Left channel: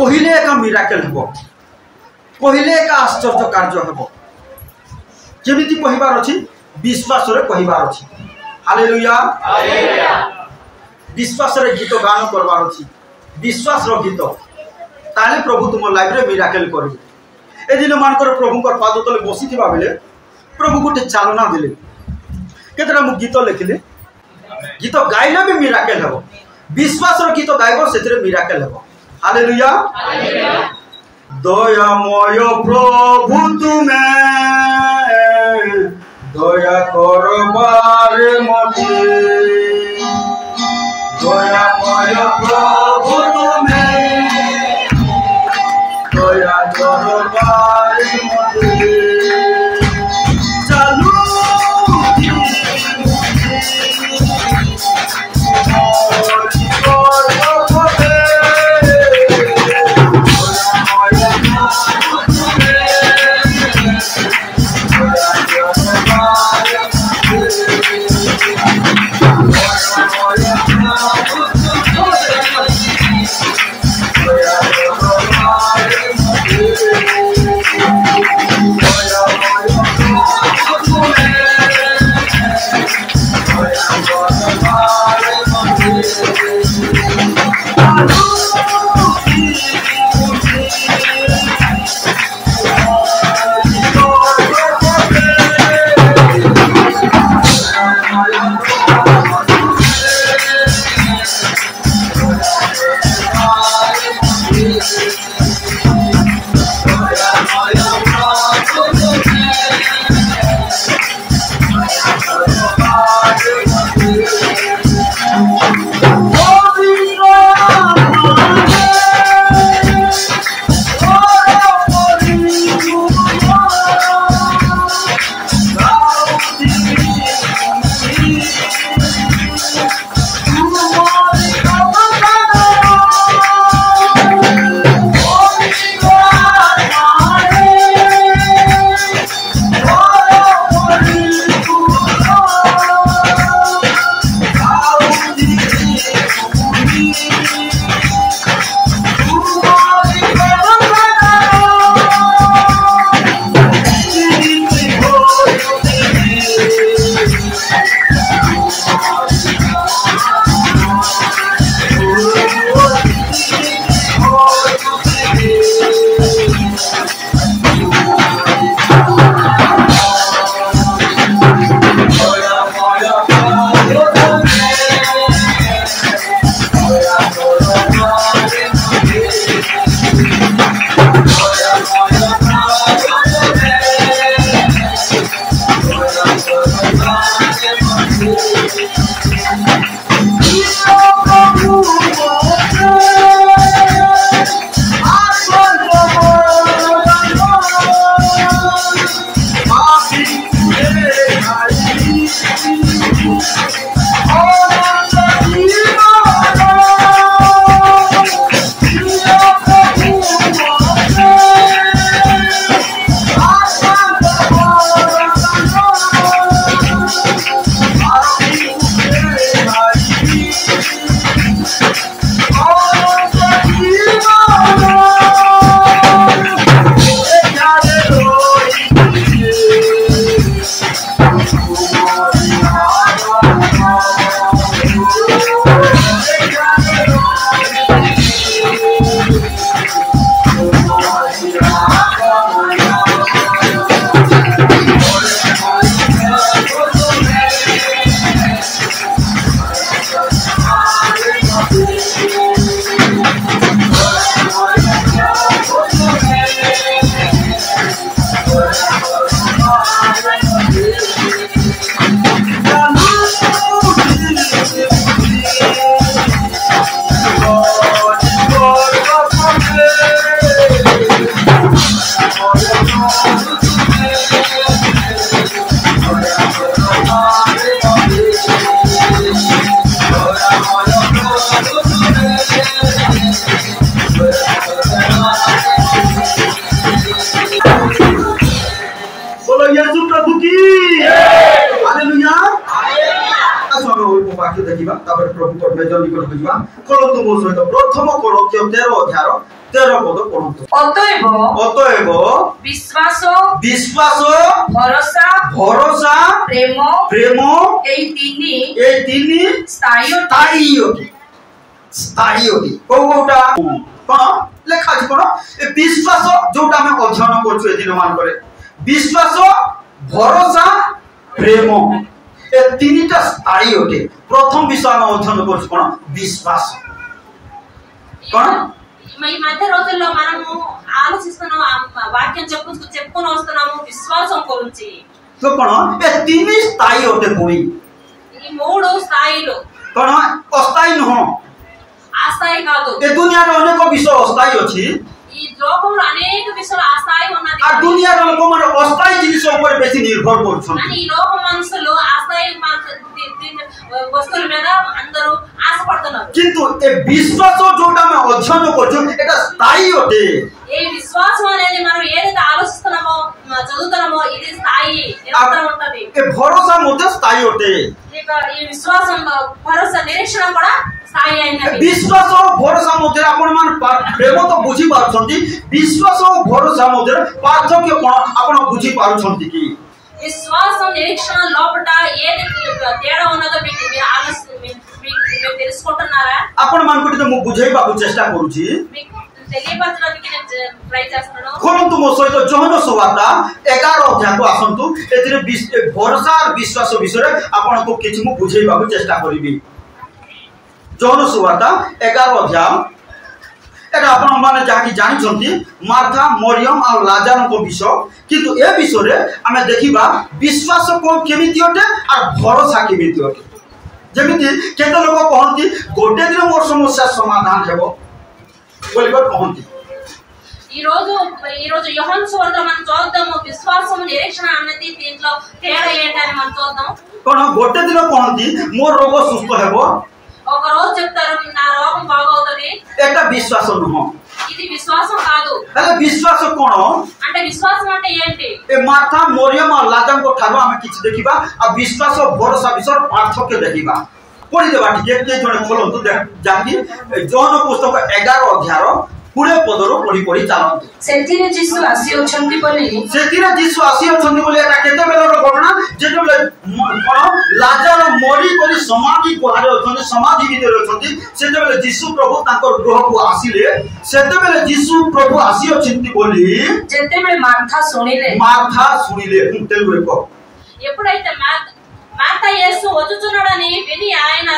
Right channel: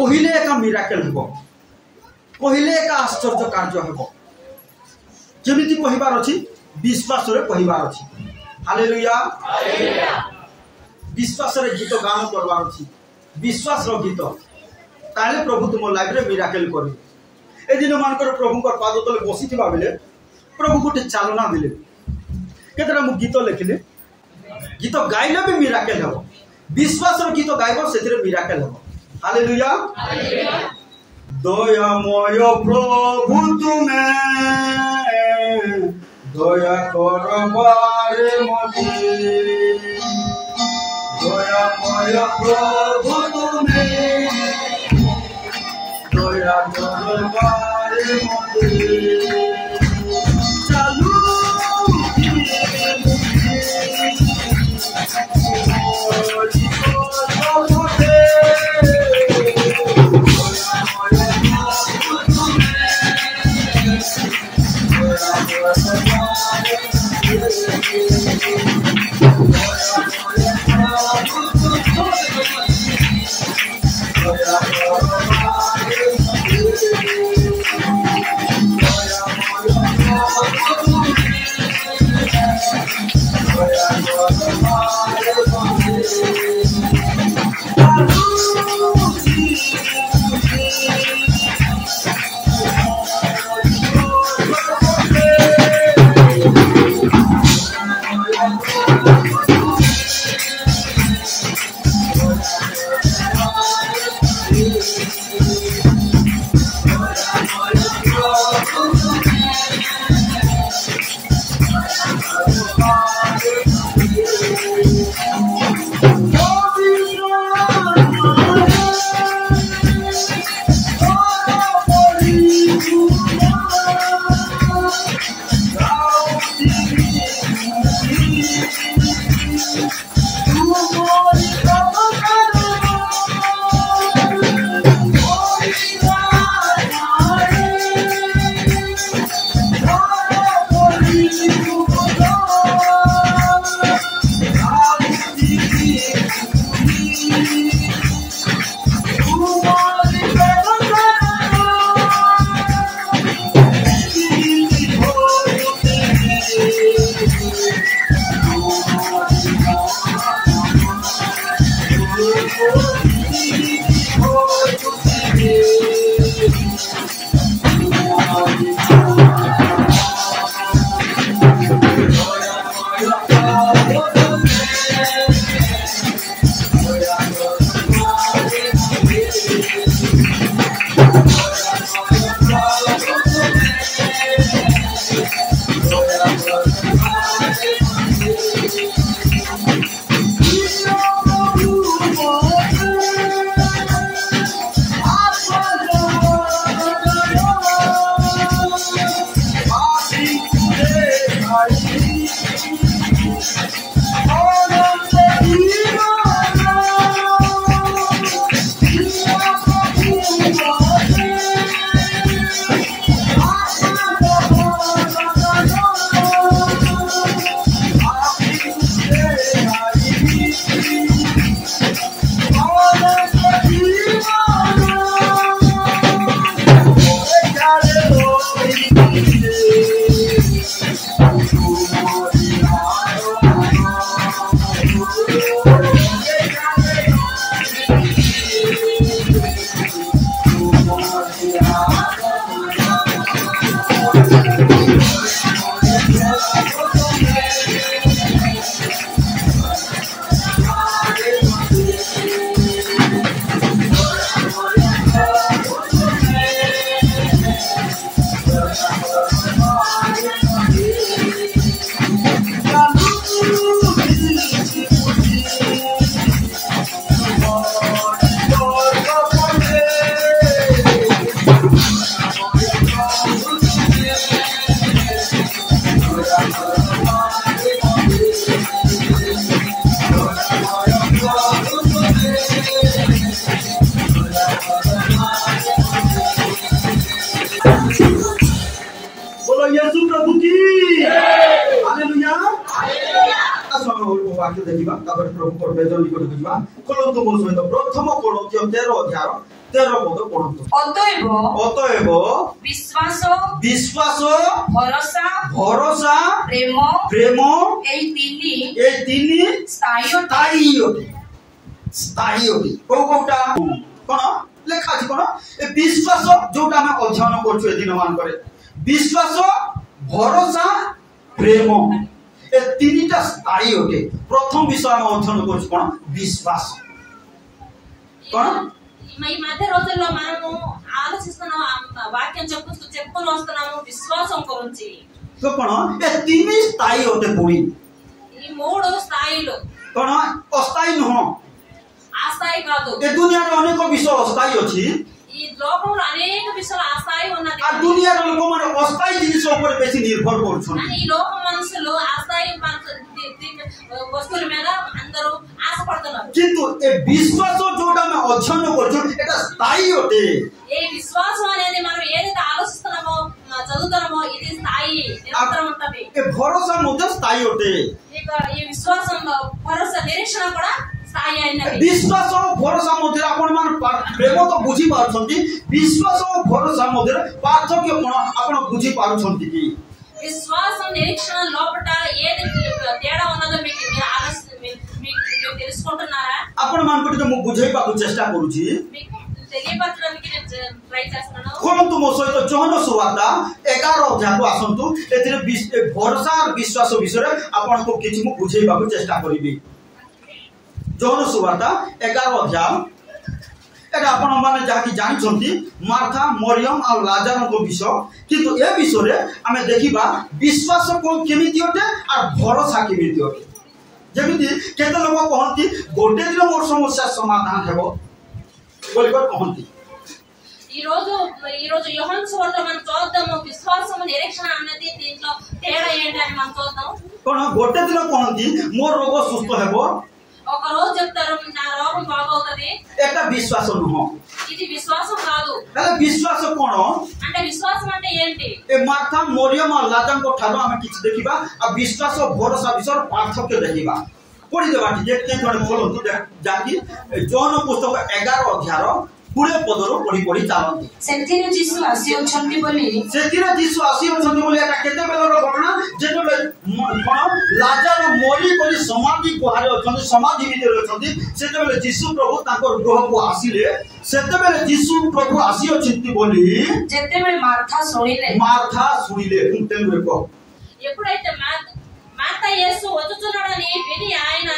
कहिले एक मिराकल हेबो कहिले एक आश्चर्य कार्य हेबो जेमिति कहिबार अछि विश्वास रे कहिबार अछि हालेलुया हालेलुया विश्वास रे गीत गान करबार अछि विश्वास रो गीत ताले प्रभु तुम लाइफ रे मिराकल करबे ए दिन मानकर प्रभु को पाद तले बसी थिबा बेले प्रभु गोटे चालना देले केतरा मु गीत लिखले गीत गाइले भी मिराकल हेबो विश्वास रो गीत गाइबो सेतिरे मिराकल हेबो हालेलुया हालेलुया दयामय प्रभु तुमे दया करबार मते दयामय प्रभु तुमे दया करबार मते चालू प्रभु को मेजर निकट बुझिबा खोलंतु मो सहित प्रथम कोरिन्थियो 13 अध्याय 13 पद पढंतु। अतएव विश्वास भरोसा प्रेम ए तीनी स्थायी कोटा कोन लेखा अछि कोन ए विश्वास जोटा हम अध्ययन करछु ए दिन मान करे विश्वास भरोसा प्रेम ए तीनटा स्थायी होते। प्रथम विषय हम अध्ययन करछु कोन विश्वास कोन ఈ మధ్య రోజుల్లో మనము ఆలోచిస్తున్నాం వాక్యం చెప్పుకొని వస్తున్నాము విశ్వాసం గురించి तो कोन ए तीन स्थायी होते पूरी ఈ మూడు స్థాయిలు कोन अस्थायी न हो అస్థాయి కాదు ए दुनिया रे अनेक विषय अस्थायी अछि ఈ లోకంలో అనేక విషయాలు అస్థాయి ఉన్నది आ दुनिया रे लोक माने अस्थायी जिनिस ऊपर बेसी निर्भर करछन అని ఈ లోక మనుషులు అస్థాయి వస్తువుల మీద అందరూ ఆశపడుతున్నారు किंतु ए विश्वास जोटा में अध्ययन करछु एटा स्थायी होते। ఈ విశ్వాసం అనేది మనం ఏదైతే ఆలోచిస్తున్నామో చదువుతున్నామో ఇది స్థాయి నిరంతరం ఉంటది। ए भरोसा मते स्थायी होते। ఈ విశ్వాసం భరోసా నిరీక్షణ కూడా స్థాయి అయినది। विश्वास और भरोसा मते आपण मान प्रेम तो बुझी पाछंती विश्वास और भरोसा मते पार्थक्य कोन आपण बुझी पाछंती की విశ్వాసం నిరీక్షణ లోపట ఏది తేడా ఉన్నదో మీకు తెలుసుకుంటున్నారా? आपण मान को मु बुझेबा को चेष्टा करूची మీకు తెలియపరచడానికి నేను ట్రై చేస్తున్నాను। खोलंतु मो सहित जोहन सुवार्ता 11 अध्याय को आसंतु एथिरे भरोसा और विश्वास विषय रे आपण को किछ मु बुझेबा को चेष्टा करिबी। जोहन सुवार्ता 11 अध्याय एटा आपण माने जाकी जानि छंती मार्था मरियम और लाजर को विषय किंतु ए विषय रे हमें देखिबा विश्वास को केमिति होते और भरोसा केमिति होते। जेमिति केते लोक कहंती गोटे दिन मोर समस्या समाधान हेबो बोली को कहंती ఈ రోజు యోహాను సువార్త మనం చూద్దాము విశ్వాసం నిరీక్షణ అనేది దీంట్లో తేడా ఏంటని మనం చూద్దాం। कोन गोटे दिन कहंती मोर रोग सुस्त हेबो ఒక రోజు చెప్తారు నా రోగం బాగవుతది एटा विश्वास नहो ఇది విశ్వాసం కాదు। अरे विश्वास कोन అంటే విశ్వాసం అంటే ఏంటి? ए मार्था मरियम और लाजर को ठानो हम किछ देखिबा आ विश्वास और भरोसा विषय पार्थक्य देखिबा पढि देबा ठीक के जने खोलंतु जाकी जॉन पुस्तक 11 अध्याय पुरे पदरो पढि चालंतु। सेथिरे जीसु आसी अछंती बोली एटा केते बेलर घटना जेते बेले कोन लाजर मरी कोली समाधि कोहारे अछंती समाधि भीतर अछंती सेते बेले जीसु प्रभु तांकर गृह को आसीले सेते बेले जीसु प्रभु आसी अछंती बोली जेते बेले मार्था सुनिले तेलुगु को ఎప్పుడైతే మార్తా యేసు వచ్చుచున్నాడని విని ఆయన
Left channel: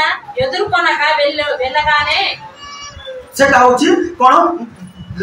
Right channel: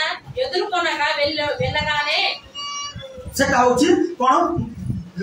ఎదుర్కొనగా వెళ్ళగానే सेटा होची कोन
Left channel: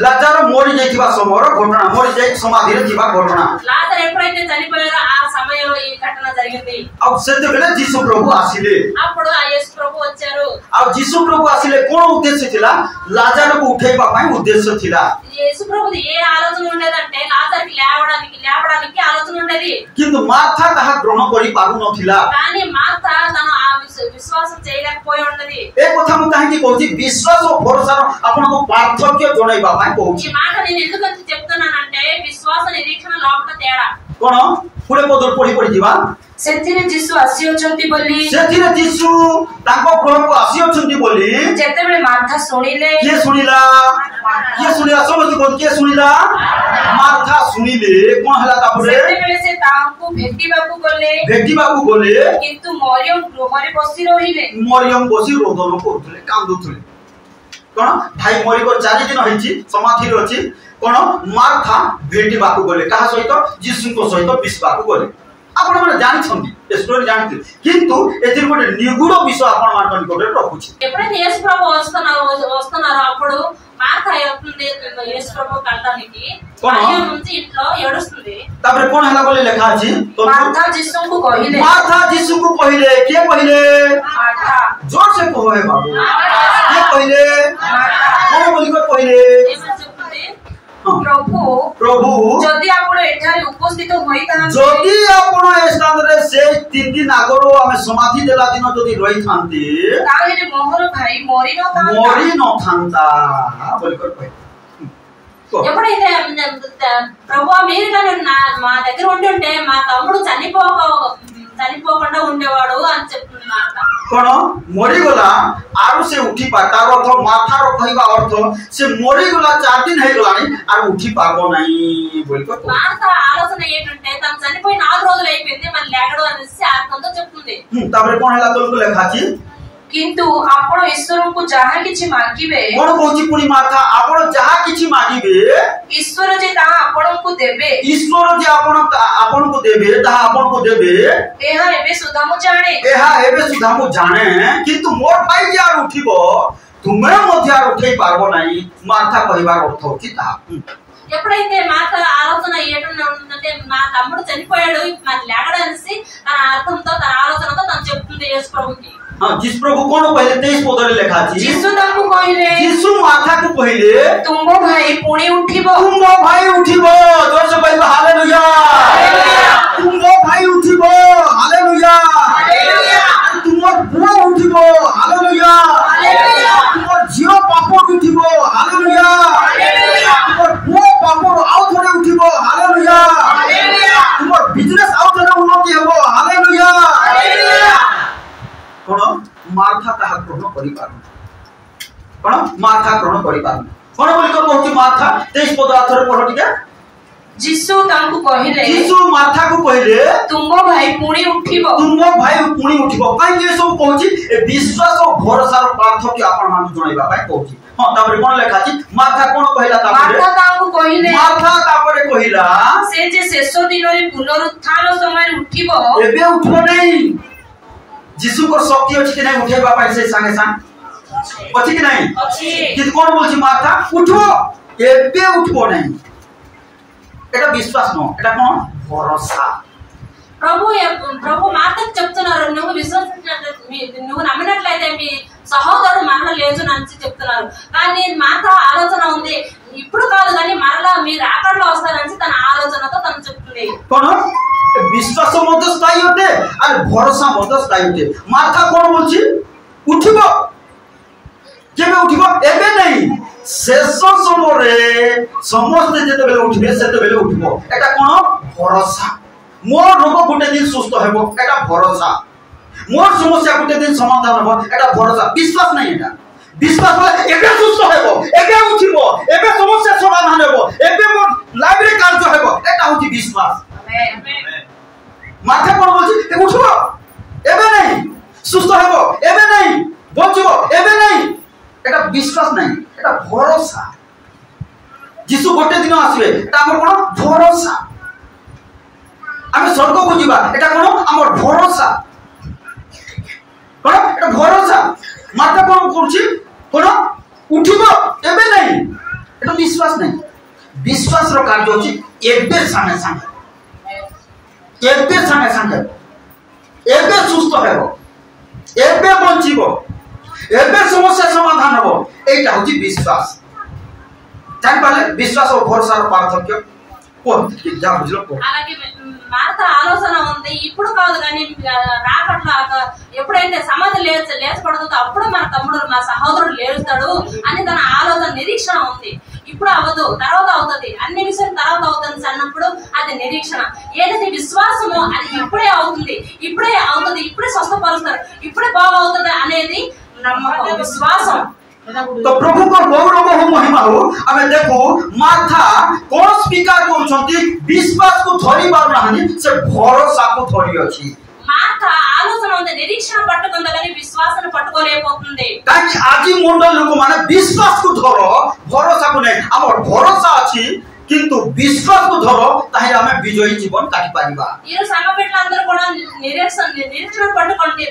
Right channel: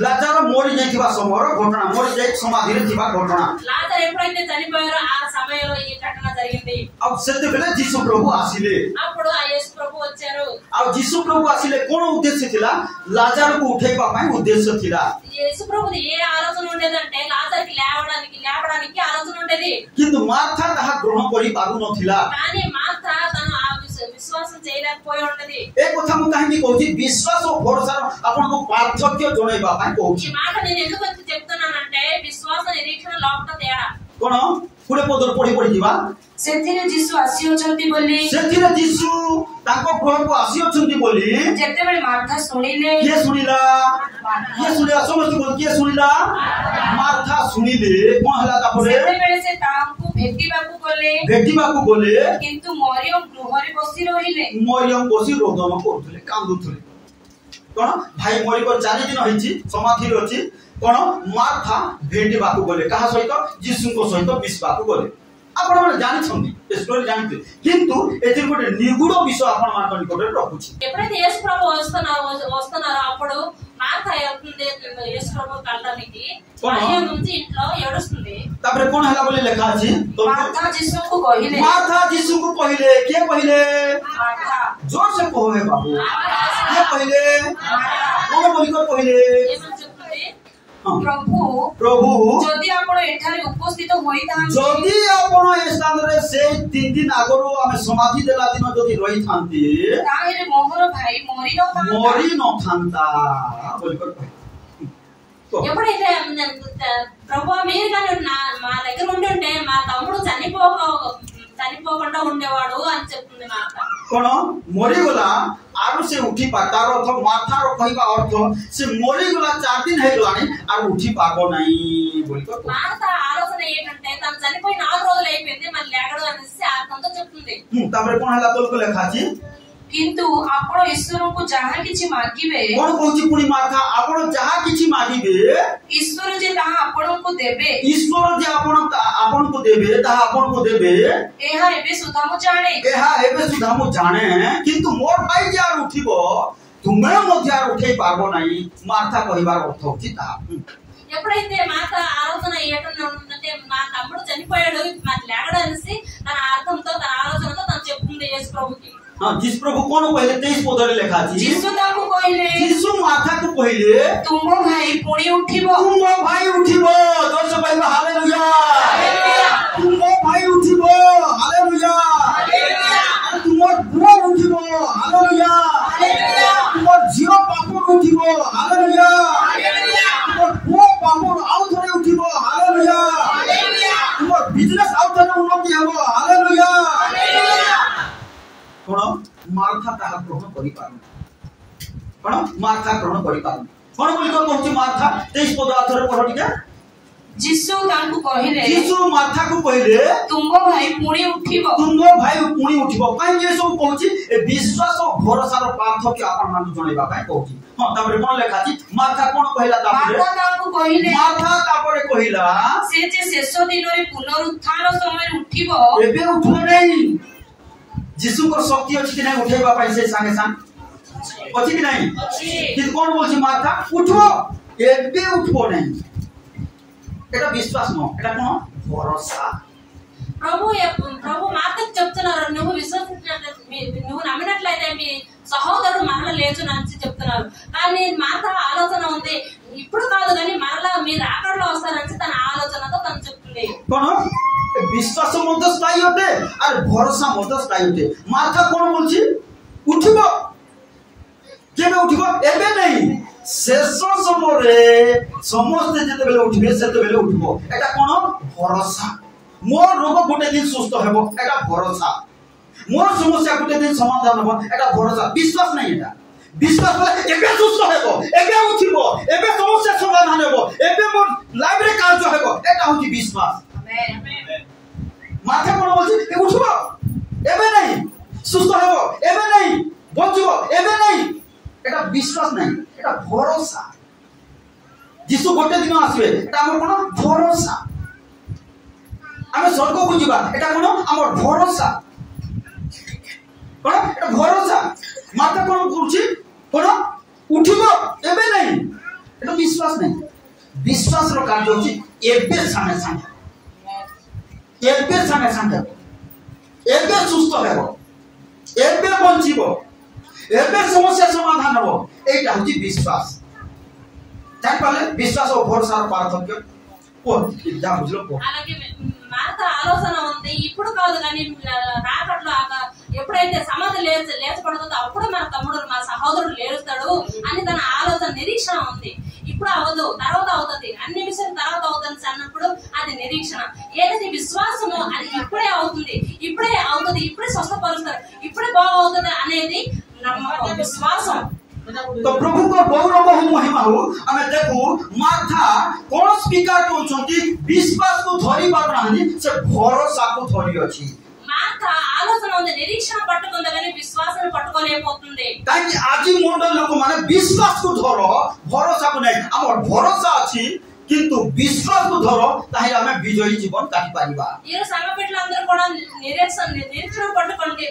लाजर मरी जाइथिबा समयर घटना मरी जाई समाधि रे थिबा घटना లాజర్ ఎప్పుడైతే చనిపోయారో ఆ సమయంలో ఈ ఘటన జరిగింది। आ सेते बेले जीसु प्रभु आसीले అప్పుడు ఆ యేసు ప్రభు వచ్చారు। आ जीसु प्रभु आसीले कोन उद्देश्य थिला लाजर को उठेबा पई उद्देश्य थिला। యేసు ప్రభుది ఏ ఆలోచన ఉండేదంటే లాజర్కి లేవడానికి ఆలోచన ఉండేది किंतु मार्था ताहा ग्रहण करि पारु नथिला కానీ మార్తా తను ఆ విశ్వాసం చేయలేకపోయి ఉన్నది। ए कथा मु काहे की कहूची विश्वास और भरोसा आपण को पार्थक्य जणाइबा पई ఈ कहूची మాట నేను ఎందుకు చెప్తున్నానంటే విశ్వాస నిరీక్షణ లోపల తేడా कोन पुरे पदर पढि जिबा सेथिरे जीसु आसी अछंती बोली सेथिरे जीसु ताको गृह को आसी अछंती बोली जेते बेले मार्था सुनिले के सुनिला समझ को के सुनिला मार्था सुनिले कोन हला तापरे सेते बेले से तांको भेटिबाकू गले किंतु मरियम गृहरे बसी रहिले मरियम बसी रोदन करथले कांदुथले कोन भाई मरी को 4 दिन होईची समाधि रे अछि कोन मार्था भेटिबाकू गले कहा सहित जीसु को सहित बिस्बाकू गले। आपण माने जानि छंती ए स्टोरी जानते किंतु एतिर गोटे निगुड़ विषय आपण मान निकट रखुची। ఎప్పుడైతే యేసు ప్రభు వస్తున్నారో అప్పుడు మార్తా యేసు ప్రభు కంటానికి మరియం నుంచి ఇంట్లో ఏడుస్తుంది। तापर कोन हला बोले लेखा अछि मार्था जीसु को कहिले के कहिले मार्था जोर से कहो हे बाबू के कहिले कोन बोली को कहिले प्रभु जदि आपण एठारे उपस्थित होइता जदि आपण ए स्थान रे से 3 दिन आगरो हम समाधि देला दिन जदि रहि थांती ताहेरे मोहर भाई मरि न थांता बोली को कहे ఎప్పుడైతే ప్రభు మీరు మా దగ్గర ఉంటుంటే మా తమ్ముడు చనిపోకుండా ఉండేవాడు అని చెప్తుంది మార్త. কোন মরিগলা আর সে উঠি পা তার অর্থ মাথার কহিবা অর্থ সে মরিগলা 4 দিন হয়ে গলানি আর উঠি পারবো নাই বলতো. మార్త ఆలోచన ఏంటంటే తను చనిపోయి 4 రోజులు అయిపోయింది మళ్ళీ లేగడు అనేసి అర్థంతో చెప్తుంది. তারপরে কোন হলা তোলকু লেখা আছে কিন্তু ଆପଣ ଈଶ୍ୱରଙ୍କୁ ଯାହା କିଛି ମାଗିବେ কোন কହୁছি পুনি মাথা আপন যাহা কিছু মাগিবে ଈଶ୍ୱର ଯେ ତାହା ଆପଣଙ୍କୁ ଦେବେ ঈশ্বর যে ଆପଣଙ୍କୁ ଦେବେ ତାହା ଆପଣଙ୍କୁ ଦେବେ ଏହା ଏବେ ସୁଦ୍ଧା ମୁଁ ଜାଣେ. ଏହା ଏବେ ସୁଦ୍ଧା ମୁଁ ଜାଣେ କିନ୍ତୁ ମୋର ଭାଇ ଯେ ଆଉ ଉଠିବ ତୁମେ ମଧ୍ୟ ଆଉ ଉଠେଇ ପାରବ ନାହିଁ. ମାର୍ଥା କହିବାର ଅର୍ଥ ହେଉଛି ତାହା. ఎప్పుడైతే మాత ఆలోచన ఏంటంటే నా తమ్ముడు చనిపోయాడు మరి లేగడు అనేసి తన అర్థంతో తన ఆలోచనతో తను చెప్తుంది యేసు ప్రభుకి. हाँ जिस प्रभु कौन पहले 23 पदरे लिखा अछि ଯୀଶୁ ତାଙ୍କୁ କହିଲେ यीशु माथा को पहले ତୁମ ଭାଇ ପୁଣି ଉଠିବ. तुम भाई उठिबो जोर से कहबो हालेलुया तुम भाई उठिबो हालेलुया हालेलुया तुम पुओ उठिबो हालेलुया हालेलुया तुम झियो पापड़ उठिबो हालेलुया हालेलुया तुम पुओ पापड़ आउ थोड़े उठिबो हालेलुया हालेलुया तुम बिजनेस आउ थोड़े उन्नति हेबो हालेलुया हालेलुया. कोन मार्था ताहा ग्रहण करि पारु कोन मार्था ग्रहण करि पारु कोन बोली को कहछि मार्था 23 पद आथरे पढ टिका. ଯୀଶୁ ତାଙ୍କୁ କହିଲେ यीशु मार्था को कहले ତୁମ ଭାଇ ପୁଣି ଉଠିବ. तुम भाई पुणी उठिबो काई ये सब कहछि ए विश्वास और भरोसा रो पार्थक्य आपण मान जणैबा पाई कहछि. हां तापर कोन लेखा अछि मार्था कोन कहला तापर ମାର୍ଥା ତାଙ୍କୁ କହିଲେ मार्था तापर कहिला ସେ ଯେ ଶେଷ ଦିନରେ ପୁନରୁତ୍ଥାନ ସମୟରେ ଉଠିବ एबे उठबो नै. यीशु को शक्ति अछि कि नै उठेबा पाई से संगे संग अछि कि नै ଅଛି. कि कोन बोलछि मार्था उठो एबे उठबो नै. एटा विश्वास न एटा कोन भरोसा. ప్రభు మాటకు చెప్తున్నారు నువ్వు విశ్వసించినట్లయితే నువ్వు నమ్మినట్లయితే మీ సహోదరుడు మరల లేచును అని చెప్తున్నారు. కానీ మాట ఆలోచన ఉంది ఇప్పుడు కాదు కానీ మరలా మీరు ఆకడలో వస్తారని తన ఆలోచనతో తను చెప్తుంది. কোন विश्वास मध्य स्थायी होते और भरोसा मध्य स्थायी होते. मार्था कोन बोलछि उठिबो केबे उठिबो एबे नै शेष समय समस्त जेते बेले उठिबे सेते बेले उठिबो. एटा कोन भरोसा. मोर रोग गुटे दिन सुस्त हेबो एटा भरोसा. मोर समस्या गुटे दिन समाधान हेबो एटा भरोसा. विश्वास नै एटा. विश्वास होले एबे सुस्त हेबो एबे उठिबो एबे समस्या समाधान हेबो एबे मोर लाइफ रे कार्य हेबो एटा होछि विश्वास. माथा कोन बोलछि ए उठबो एबे नै सुस्त हेबो एबे नै बचबो एबे नै एटा विश्वास नै एटा भरोसा. यीशु गोटे दिन आसीबे एटा हमर कोन भरोसा. आमे स्वर्ग को जीवा एटा कोन हमर भरोसा कोन एटा भरोसा. माथा कोन करछि कोन उठिबो एबे नै एटा विश्वास नै. विश्वास रो कार्य होछि एबे सामे सामे एबे सामे सामे एबे सुस्त हेबो एबे बंचिबो एबे समस्या समाधान हेबो एटा होछि विश्वास. जानि पाले विश्वास और भरोसा रो पार्थक्य कोन जा बुझलो को. అలాగే మార్త ఆలోచన ఉంది ఇప్పుడు కాదు కానీ రాకట్లో ఎప్పుడైతే సమాధి లేచబడుతుందో అప్పుడు మన తమ్ముడు మా సహోదరుడు లేరుస్తాడు అని తన ఆలోచన నిరీక్షణ ఉంది. ఇప్పుడు అవ్వదు తర్వాత అవుతుంది అన్ని విషయాలు తర్వాత అవుతుంది అన్నప్పుడు అది నిరీక్షణ. ఏదైతే విశ్వాసమో అది ఇప్పుడే అవుతుంది ఇప్పుడే స్వస్థపరుస్తారు ఇప్పుడే బాగవుతుంది అనేది నమ్మకం విశ్వాసం. तो प्रभु को गौरव हो महिमा हो हमें देखो माथा कौन स्वीकार करछंती विश्वास को धरि बार नाही से भरोसा को धरि अछि. माथा आलोचना ఉంది నిరీక్షణ పట్టుకుంది కానీ విశ్వాసాన్ని పట్టుకోలేకపోతుంది. काई आजि मंडल लोक माने विश्वास को धरो भरोसा को नै. हमर भरोसा अछि किंतु विश्वास को धरो ताहि हमें विजयी जीवन काटी पारिबा. ఈ సంఘ బిడ్డలందరూ కూడా నిరీక్షణ పట్టుకోండి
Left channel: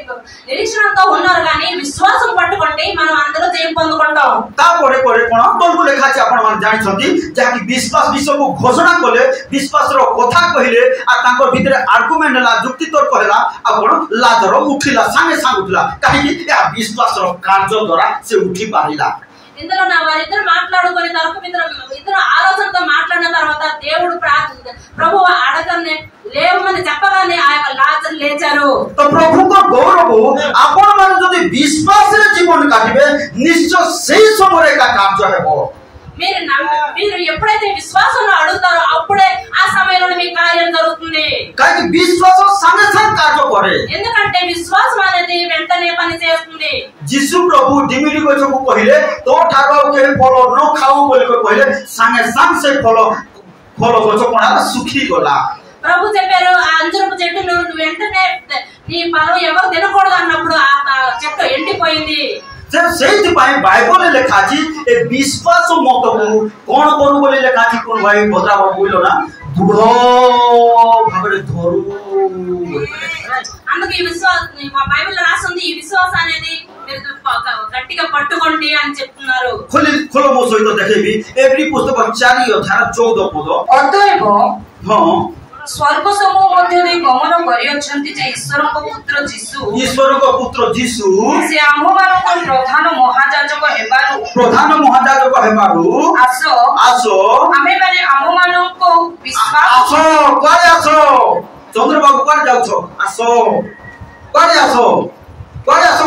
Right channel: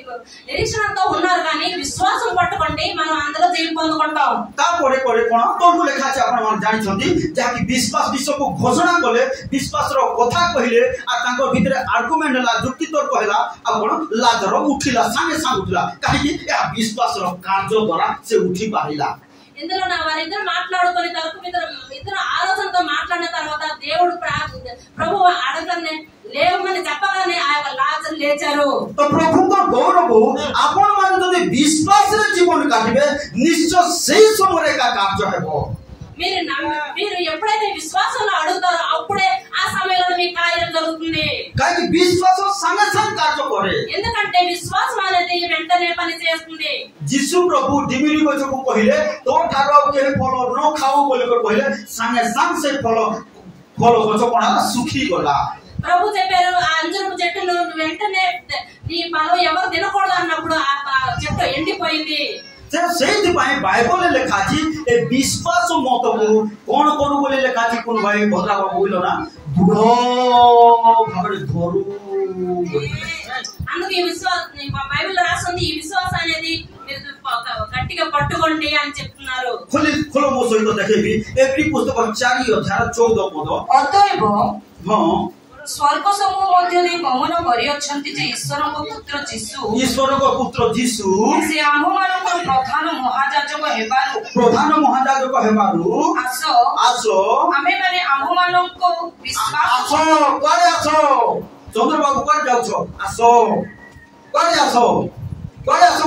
నిరీక్షణతో ఉన్నారు కానీ విశ్వాసం పట్టుకోండి మనం అందరూ జయం పొందుకుంటాం. तापरे परे कोन तोलु लेखा छै आपण मान जानि छथि जाकि विश्वास विषय को घोषणा कले विश्वास रो कथा कहिले आ तांको भितरे आर्गुमेंट ला जुक्ति तर्क होला आ कोन लाजर उठिला संगे संग उठिला काहे कि या विश्वास रो कार्य द्वारा से उठी पारिला. ఇందులో వారిద్దరు మాట్లాడుకొని ఇద్దరు ఆలోచనతో మాట్లాడిన తర్వాత దేవుడు ప్రభువు అడగనే లేవమని చెప్పగానే ఆ లాజరు లేచారు. तो प्रभु को गौरव आपण मान जदि विश्वास रे जीवन काटिबे निश्चय सेही समय का कार्य हेबो. మీరు ఎప్పుడైతే విశ్వాసంలో అడుగుతారో అప్పుడే ఆ సమయంలో మీ కార్యం జరుగుతుంది. కానీ విశ్వాసం సంగే సంగ్ కార్య करे ఎందుకంటే విశ్వాసం అనేది వెంటనే పని చేస్తుంది. यीशु प्रभु डिमिली को जो पहिले तो ठाको के फलो न खाओ बोल को पहिले संगे संग से फलो फलो को कोना सुखी गला. ప్రభు చెప్పారు ఆ అంజూరపు చెట్టు నువ్వు వెంటనే నీ ఫలం ఎవరు తినకూడదు అన్నప్పుడు ఆ చెట్టు ఎండిపోయింది. से सेति पाए बाइबल ले लेखाजी ए विश्वास मत को कोन करू बोले लेखाजी कोन भाई बदरा बोलिलो ना दृढ़ भाबरे धरू అందుకే ఈ విశ్వాసం బైబిల్లో రాస్తుంది ఈ విశ్వాసం అనేది గట్టిగా పట్టుకోండి అని చెప్తున్నారు. खोलो मो सहित देखेबी एवरी पुस्तक 4 अध्याय 14 पद ଅତଏବ हां स्वर्ग समूह ମଧ୍ୟରେ ଗମନ କରିଅଛନ୍ତି ଯେ ଈଶ୍ୱରଙ୍କ ପୁତ୍ର ଯୀଶୁ ईश्वर को पुत्र यीशु ସେ ଆମ୍ଭମାନଙ୍କ ପ୍ରଧାନ ମହାଯାଜକ ହେବାରୁ प्रधान महायाजक हेबारु आसो ଆମେମାନେ ଆମ୍ଭମାନଙ୍କ ବିଶ୍ୱାସ आसो कारे आसो चंद्रबाबू कारे जाउछो आसो कारे आसो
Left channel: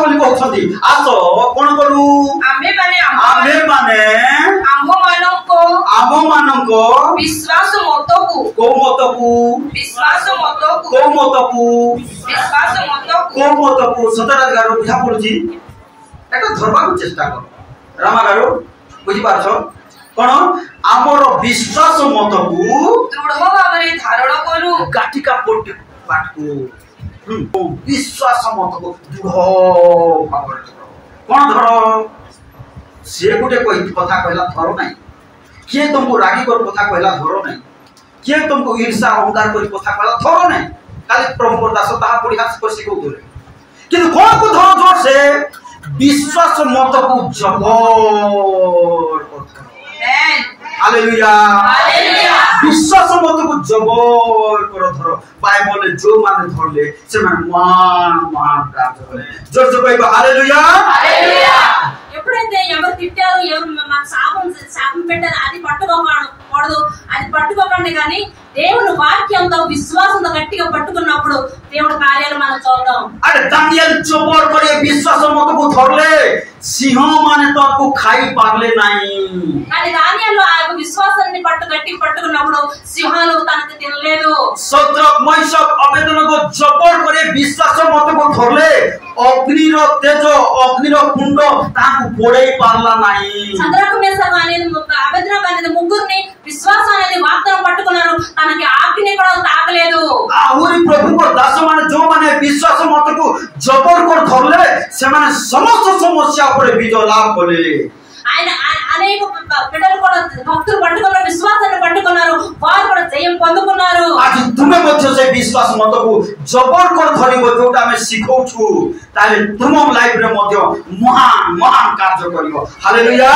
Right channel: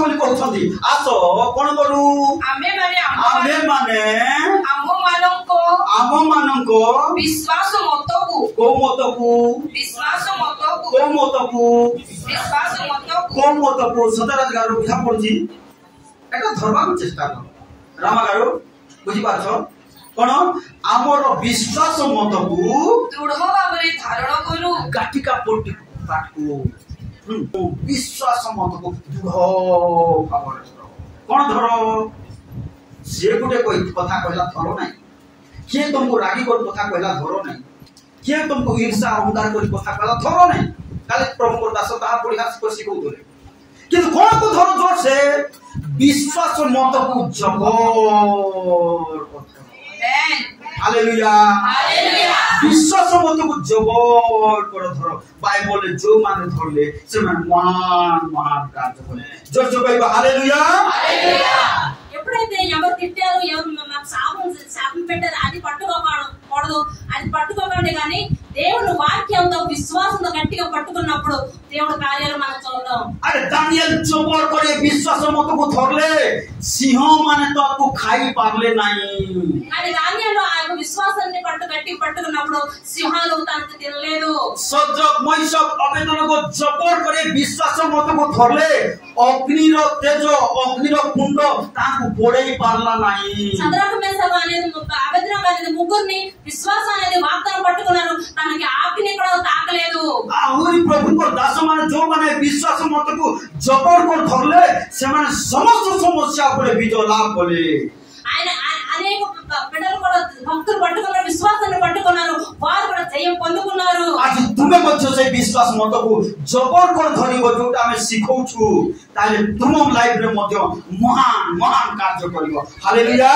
बोली कहछंती आसो कोन करू आमे माने आम्भमानंको विश्वास मतकु को मतकु सतरा गारो बुझा पड़ुची एटा धरबा चेष्टा कर रामा गारो बुझी पाछो कोन हमर विश्वास मतकु दृढ़ भाबरे धारण करू गाटिका पोटी पाटकु विश्वास मतकु दृढ़ भाबरे कोन धर से गुटे कोई कथा कहला धर नाही किए तुमको रागी कर कथा कहला धर नाही किए तुमको ईर्ष्या अहंकार कर कथा कहला धर नाही खाली प्रभु दास ताहा पड़ी हाथ पर सिखौ दोले किंतु कोन को धर जोर से विश्वास मतकु जबर हालेलुया विश्वास मतकु जबर कर धर बाइबल जो माने धरले से माने मान कार्य करे जोर जोर बाइबल हालेलुया ఎప్పుడైతే ఎవరు తిట్టారు ఎవరు మాకు శాపం పెట్టారు అది పట్టుకోకూడదు అది పట్టుకోకండి కానీ దేవుని వాక్యంతో విశ్వాసంతో గట్టిగా పట్టుకున్నప్పుడు దేవుడి కార్యాలు మనం చూద్దాం. अरे दानियल चोबर करे विश्वास मतकु धरले सिंह माने तो आपको खाई पारले नाही కానీ దానియేలు ఆ విశ్వాసాన్ని గట్టిగా పట్టుకున్నప్పుడు సింహాలు తనకు తినలేదు. सत्रक मैशक अबेदनको जबर करे विश्वास मतकु धरले अग्निर तेज अग्निर कुंड ताकु पोड़ै पारला नाही. చంద్రకు మేషకు అనేది అబేద్నగో అనేది ముగ్గురిని విశ్వాసం అనేది వాగ్దానం పట్టుకున్నారు తనకి ఆజ్ఞ కూడా తాకలేదు. आहुरी प्रभु को दास माने जो माने विश्वास मतकु जबर कर धरले से माने समस्त समस्या ऊपर विजय लाभ कले. ఆయన అనేక బిడ్డలు కూడా భక్తులు పట్టుకున్నారు విశ్వాసాన్ని పట్టుకున్నారు వారు కూడా జయం పొందుకున్నారు. आज तुमे मध्य से विश्वास मतकु जबर कर धरिबो जोटा हमें सिखौछु ताले तुम लाइफ रे मध्य महान महान कार्य करियो हालेलुया.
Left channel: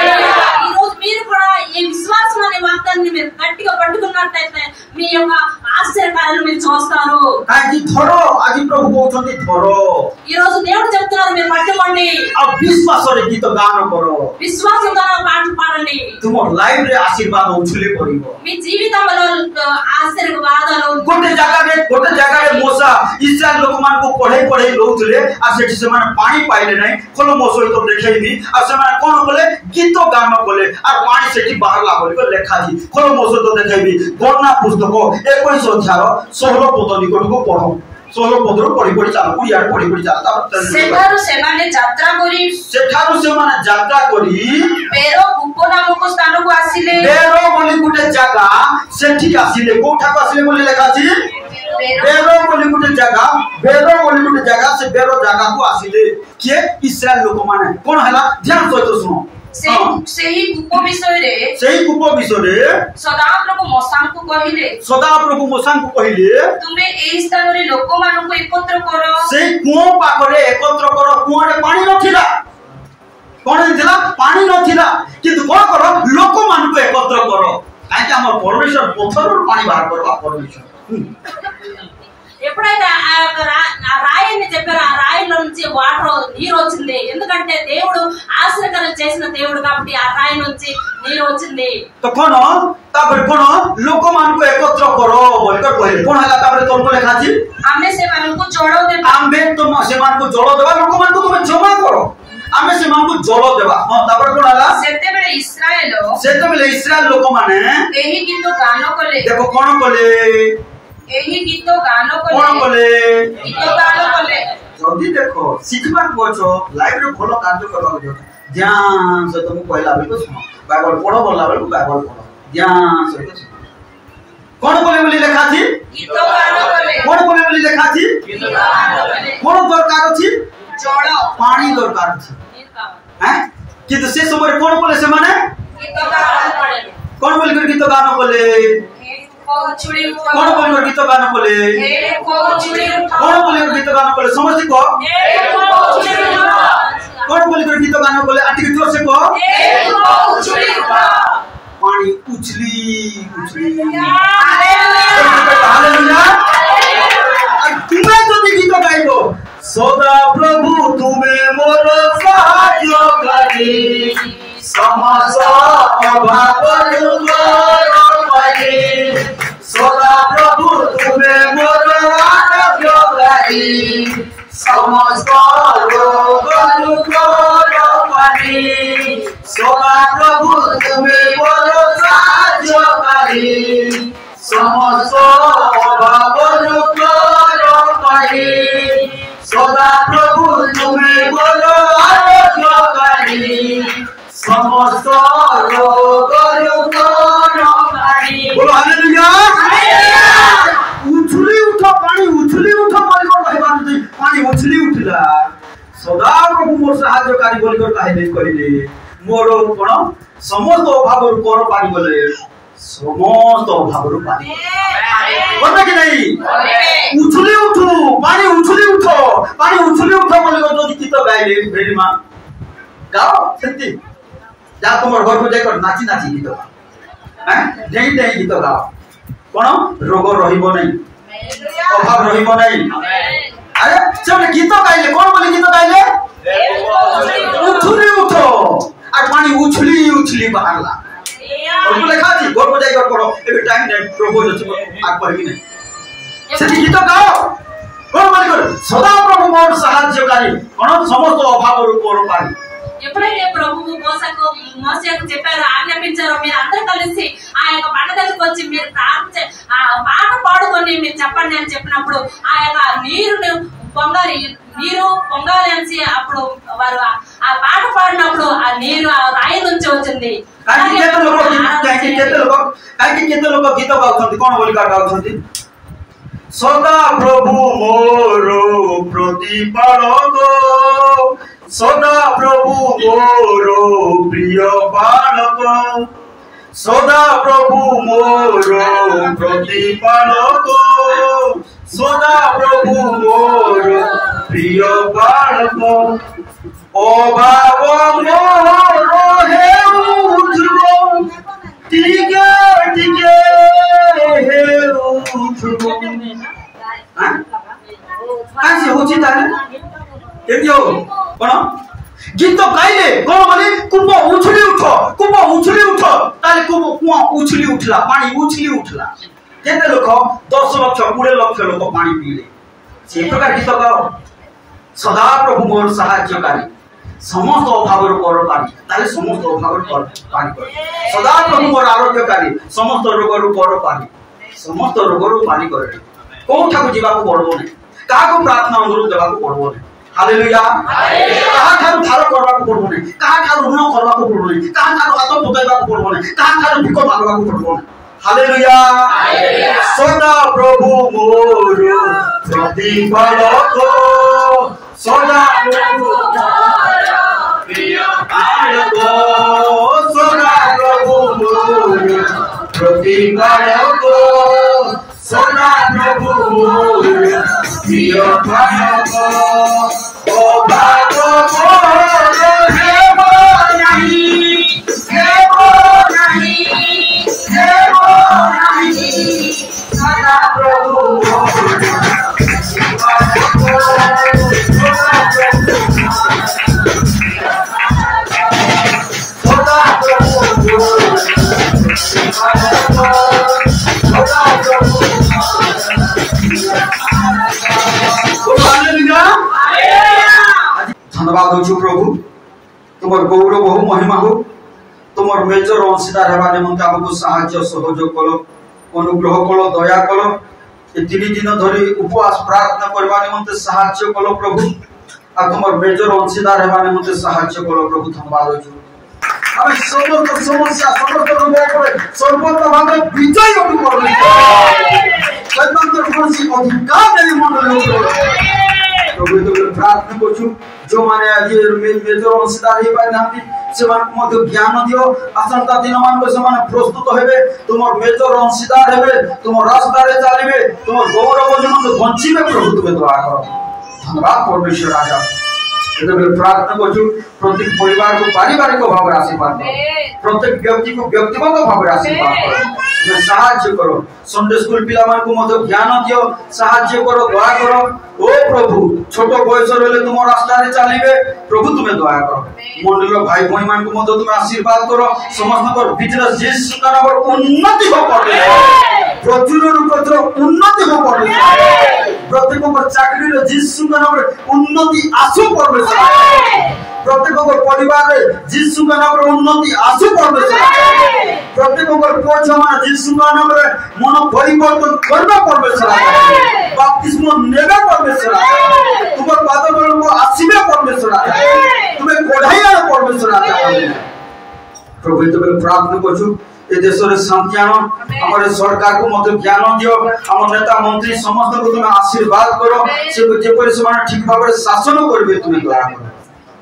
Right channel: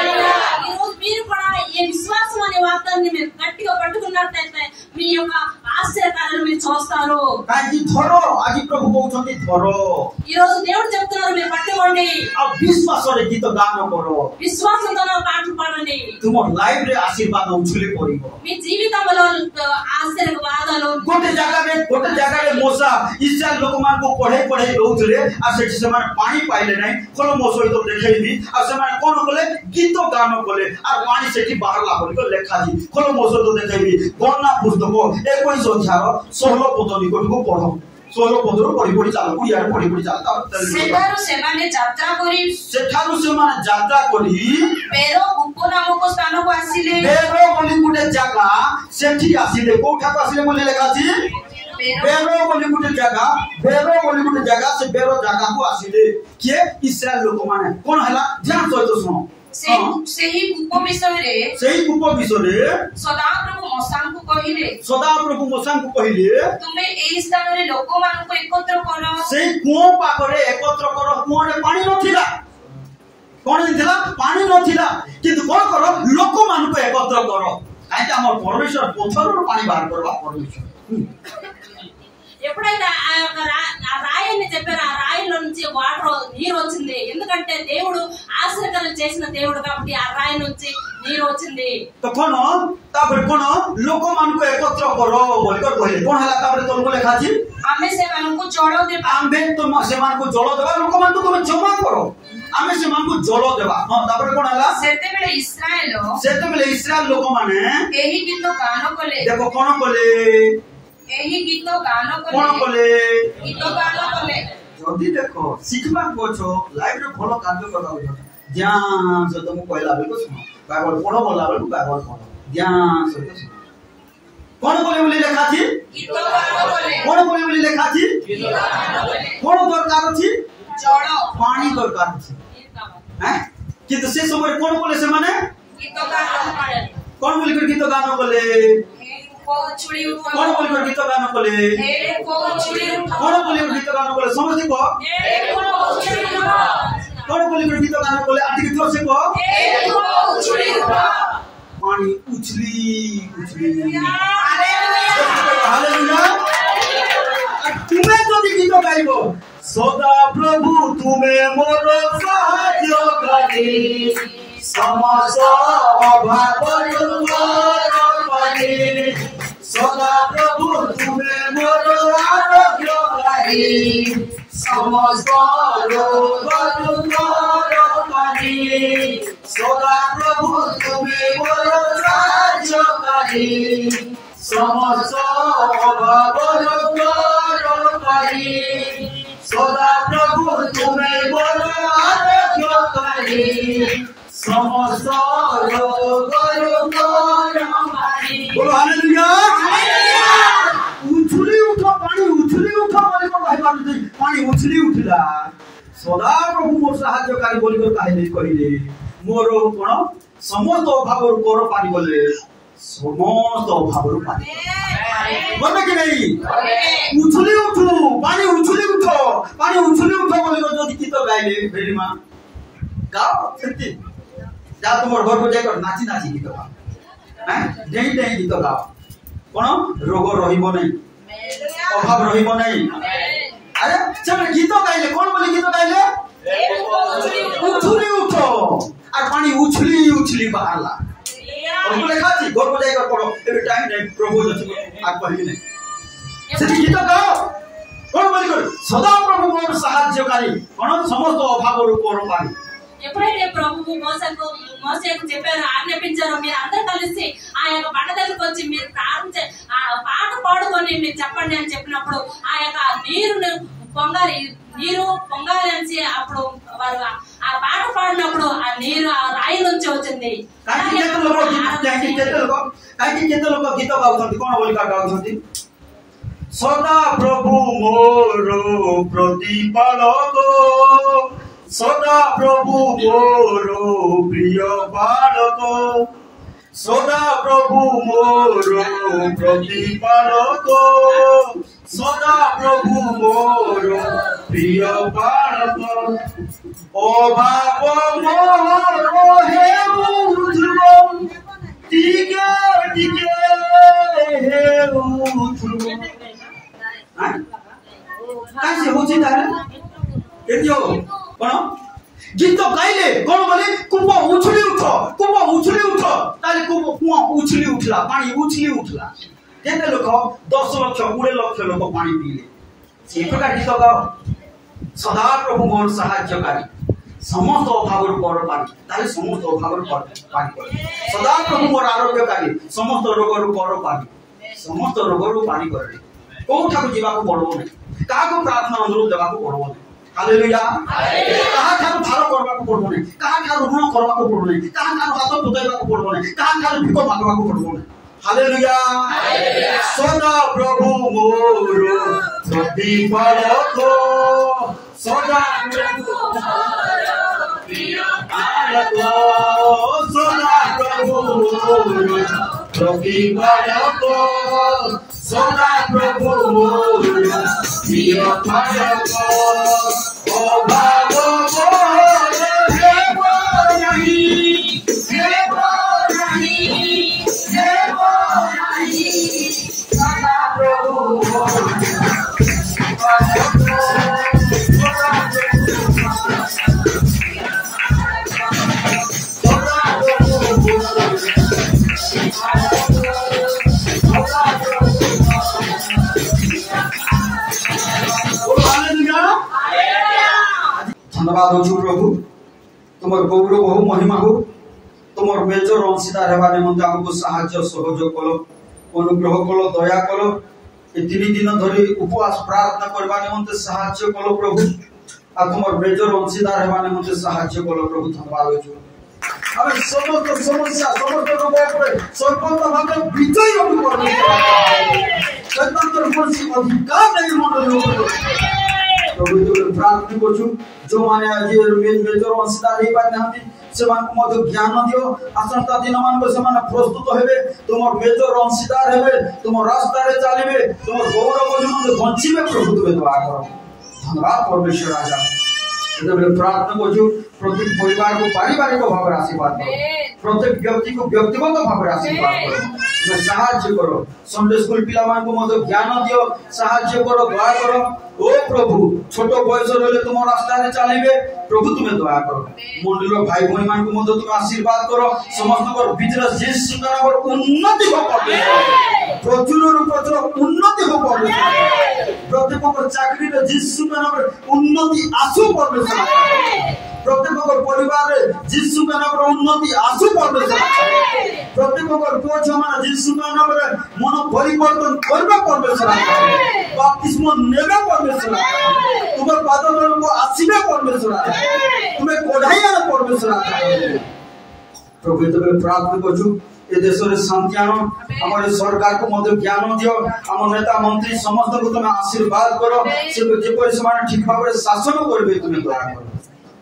ఈ రోజు మీరు కూడా ఈ విశ్వాసం అనే వాగ్దానాన్ని మీరు గట్టిగా పట్టుకున్నట్లయితే మీ యొక్క ఆశ్చర్యకార్యాలు మీరు చూస్తారు. काहे धरो आज प्रभु कहउछन्ती धरो ఈ రోజు దేవుడు చెప్తున్నారు మీరు పట్టుకోండి आ विश्वास रे गीत गान करो విశ్వాసంతో పాటలు పాడండి तुम लाइफ रे आशीर्वाद उछले पड़िबो మీ జీవితంలో ఆశీర్వాదాలు गोटे जगह रे मोसा इस्राएल लोक मान को पढ़े रहउथले आ सेठी से माने पानी पाइले नै कोनो मोसो तो देखैबी आ से माने कोन बोले गीत गान बोले आ पानी सेठी बाहर लागल को लेखा जी कोनो मोसो तो देखैबी गणना पुस्तक 21 अध्याय 16 पद निकट को पढो 16 पद रो पढी चाल कुडिया पढी चाल सेठारु सेमाने यात्रा करी बेरो कूप नामक स्थान को आसिले बेरो बोली गुटे जगह सेठी आसिले कोठा को आसिले बोले लेखा जी बेरो बोली गुटे जगह से बेरो जगह को आसिले किए इस्राएल लोक माने कोन हला ध्यान सहित सुनो सेही कूप विषय रे सदा प्रभु मोसान को कहिले तुमे एही स्थान रे लोक मान को एकत्र करो से कुओ पाखरे एकत्र करो कुओ रे पानी नथिला कोन दिला पानी नथिला किंतु कोन करो लोक मान को एकत्र करो काहे हमर परमेश्वर पत्थर पानी बाहर करबा परमेश्वर ఎప్పుడైతే ఆ రాయిని చెప్పారో ఆ రాయిలో నుంచి వాటర్ నీరు వచ్చింది ఎందుకంటే దేవుడు ఆశ్చర్యకరం చేసిన దేవుడు కాబట్టి ఆ రాయి నుంచి నీరు వచ్చింది. तो कोन तापर कोन लोक मान को एकत्र करो बोलकर कहले कोन हला तापर तोन को लेखा छी आमे से मान को जोड़ो दे आमे तो से मान को जोड़ो देबा लोक मान को तुम जमा करो आमे से मानकु जल देबा हां तापर कोन हला सेते बेले इस्राएल लोक माने एही गीत गान कले देखो कोन कले एही गीत गान कले जल्दी देखो सिखबा कोछो लाइव रे भलो कार्य करबा जो ध्यान से तुम कहला बेले सुनो बाइबल पढ़ो बोलला बेले बाइबल पढ़ो ध्यान से सुनो कोन बोले बोली लिखा छी गीत गान कले कोन बोले बोली लिखा छी गीत गान कले कोन दरकार छी जल पानी दरकार छी हैं किंतु से समय कोन बोले से माने गीत गान कले कोन बोले गीत गान बोले छुड़ी उठा कोन बोले गीत गान बोले हे को छुड़ी उठा कोन बोले गीत गान बोले समझ को हे को छुड़ी उठा कोन बोले गीत गान बोले आटी जोर से को हे को छुड़ी उठा पानी उछली हालेलुया तुम्हें तो गीत गाइबो सदा प्रभु तुम्हें मोर सहायकारी समस्त अभाव दूर करे सदा प्रभु तुम्हें मोर आरोग्यकारी समस्त रोग दूर करे सदा प्रभु तुम्हें मोर सहायकारी समस्त अभाव दूर करे सदा प्रभु तुम्हें मोर आरोग्यकारी समस्त रोग दूर करे बोलो हालेलुया उछली उठो पानी उछली उठो बोलिको कहबा नै पानी उछली उठिला सदा प्रभु मोर सहायकारी बोलिको कहले मोर कोन समस्त अभाव कर पारी बोले समस्त अभाव पारी बोलबे कि नहीं उछली उठो पानी उछली उठो बोलिको जो गीत गाइले भेडीमा गाओ सेति जा तुमर घर को जाकर नाची नाची गीत हैं डेई डेई गीत गाओ कोन रोग रहिबो नहीं अभाव रहिबो नहीं अरे चल गीत गाइले कोन बोली गीत गाइले उछली उठो और पानी उछली बाहरला और लिखा छी घर को जाकर पढ़ो एबे टाइम नहीं प्रभु जति आग पढ़ी नहीं से गीत गाओ कोन बोली कर सदा प्रभु मोर सहायकारी कोन समस्त अभाव रूप पारी ఎప్పుడైతే ప్రభువు మోసేకు చెప్పారో ఆజ్ఞాపించారో మీరు అందరూ కలిసి ఆ యొక్క బండ దగ్గరికి వచ్చి మీరు ప్రార్థించే ఆ పాట పాడుకొని మీరు చెప్పండి అని చెప్పినప్పుడు ఆ యొక్క నీరు పొంగాలి అని అప్పుడు వారు ఆ పాట పాడినప్పుడు ఆ నీరు ఆ రాయి నుంచి వచ్చింది గీత గాଉଛନ୍ତି कोन बोली गाउଛନ୍ତି सदा प्रभु मोर प्रतिपालक सदा प्रभु मोर प्रिय बालक सदा प्रभु मोर प्रतिपालक सदा प्रभु मोर प्रिय बालक अभाव मोर हेउथबो टिके टिके हेउथबो हां कासे होची ताले एतियो कोन गीत गाइले कोन बोले कुप उछली उठो ताले कुआ उछली उठला पानी उछली उठला केते लोक 10 लाख 20 लाख लोक पानी पीले से प्रकार गीत गाओ सदा प्रभु मोर सहायकारी समस्त अभाव पर पानी ताले समस्त अभाव पर पानी सदा प्रभु मोर आरोग्यकारी समस्त रोग पर पानी समस्त रोग पानी करे कोठा को जीवा को पड़बो नै का को प्रार्थना अनुरोध देबा को पड़बो नै हालेलुया कहा ठारू थारो करबा को पड़बो नै कहा ठारू ऋण करबा को पड़बो नै कहा ठारू हाथ पकाइबा को पड़बो नै कहा ठारू भिको मागबा को पड़बो नै हालेलुया सदा प्रभु मोर प्रतिपालक सदा प्रभु मोर प्रिय बालक सदा प्रभु मोर प्रतिपालक सदा प्रभु मोर प्रिय बालक अभाव मोर हेबो नहीं सदा प्रभु मोर धन्यवाद हो प्रभु तुमर गौरव हो महिमा हो तुमर मेजर अंशीदार हेबा निमंते हमको साहाय्य सहयोग करो अनुग्रह करो दया करो ये 3 दिन धरी उपवास प्रार्थना करबा निमंते साहाय्य करो प्रभु आ तुमर मेजर अंशीदार हेबा निमंते साहाय्य करो प्रभु धन्यवाद हो हमें समस्त समस्या समस्त रोग पर सर्वत्र भावे विजय अनु करबे शैतान तर कोसी अधिकार नहीं मंडल प्रभु तो प्रार्थना करछु जो माने आज मेजर अंशीदार हे पाइ नांती सेमान मध्य ज्ञान दियो आसंता दिन मान को समान प्रस्तुत हेबे तुमर मेजर अंशीदार हेबे तुमर रास्ता रे चलिबे तुमर गौरव जन बंचिबे प्रभु तुमे दया करो धन्यवाद परमेश्वर राजा एतबेले प्रार्थना करछु प्रत्येक परिवार को पारिवारिक भाव आशीर्वाद दो प्रत्येक व्यक्ति को व्यक्तिगत भाव आशीर्वाद करो तुम्हें साहाय्य करो संडे स्कूल पिला मान को मध्य ज्ञान दियो साहाय्य करो दया करो ओ प्रभु छोट बयस रहले तुम रास्ता रे चलिबे प्रभु तुम्हें दया करो मंडल भाई भाई मान को मध्य तुम आशीर्वाद करो समस्त को बिजनेस यीशु का नाम उन्नति हो पड़े प्रचुर रूपत्र उन्नति हो पड़े प्रत्येक को चाकरी रे यीशु का नाम उन्नति आसु पड़े प्रत्येक को परिवार रे यीशु का नाम उन्नति आसु पड़े प्रत्येक को पोछमा यीशु का नाम रे मन परिवर्तन करबा परमेश्वर बपतिस्मा नेबे परमेश्वर तुम पाद तल को आसीबे परमेश्वर तुम्हें कोढाइया परमेश्वर प्रभु तो प्रार्थना करछु ए देश रे शांति आनो हमर सरकार को मत ज्ञान दियो हम नेता मंत्री समस्त को तुम आशीर्वाद करो से जेपरि समान ठीक भाव रे शासन करबे तुम दया करो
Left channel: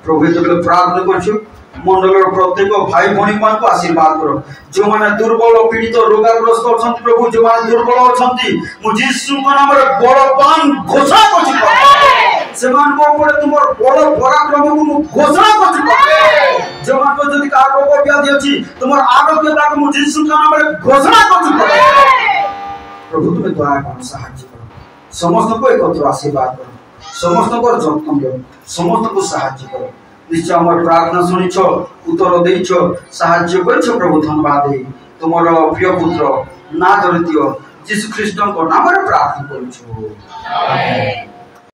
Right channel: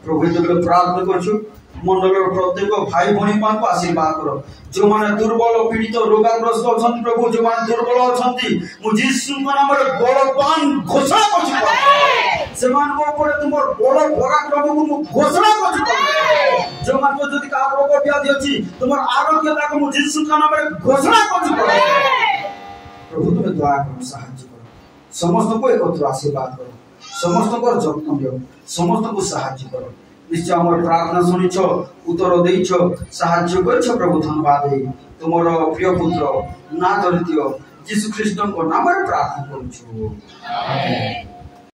प्रभु तो प्रार्थना करछु मंडल प्रत्येक भाई भणी मान को आशीर्वाद करो जो माने दुर्बल पीड़ित रोगाग्रस्त अछंती प्रभु जो माने दुर्बल अछंती मु यीशु का नाम रे बलवान घोषणा करछि से मान को ऊपर तुमर बल पराक्रम को मु घोषणा करछि जो मान को जदी का रोग व्याधि अछि तुमर आरोग्यता को मु यीशु का नाम रे घोषणा करछि प्रभु तुम्हें दया करो साहाय्य करो समस्त को एकत्र आशीर्वाद करो समस्त को जतन दो समस्त को साहाय्य करो निश्चय हमर प्रार्थना सुनिछ उत्तर देइछ साहाय्य करछ प्रभु धन्यवाद दे तुमर प्रिय पुत्र नाथ दियो यीशु ख्रीष्ट को नाम रे प्रार्थना करछु आमेन।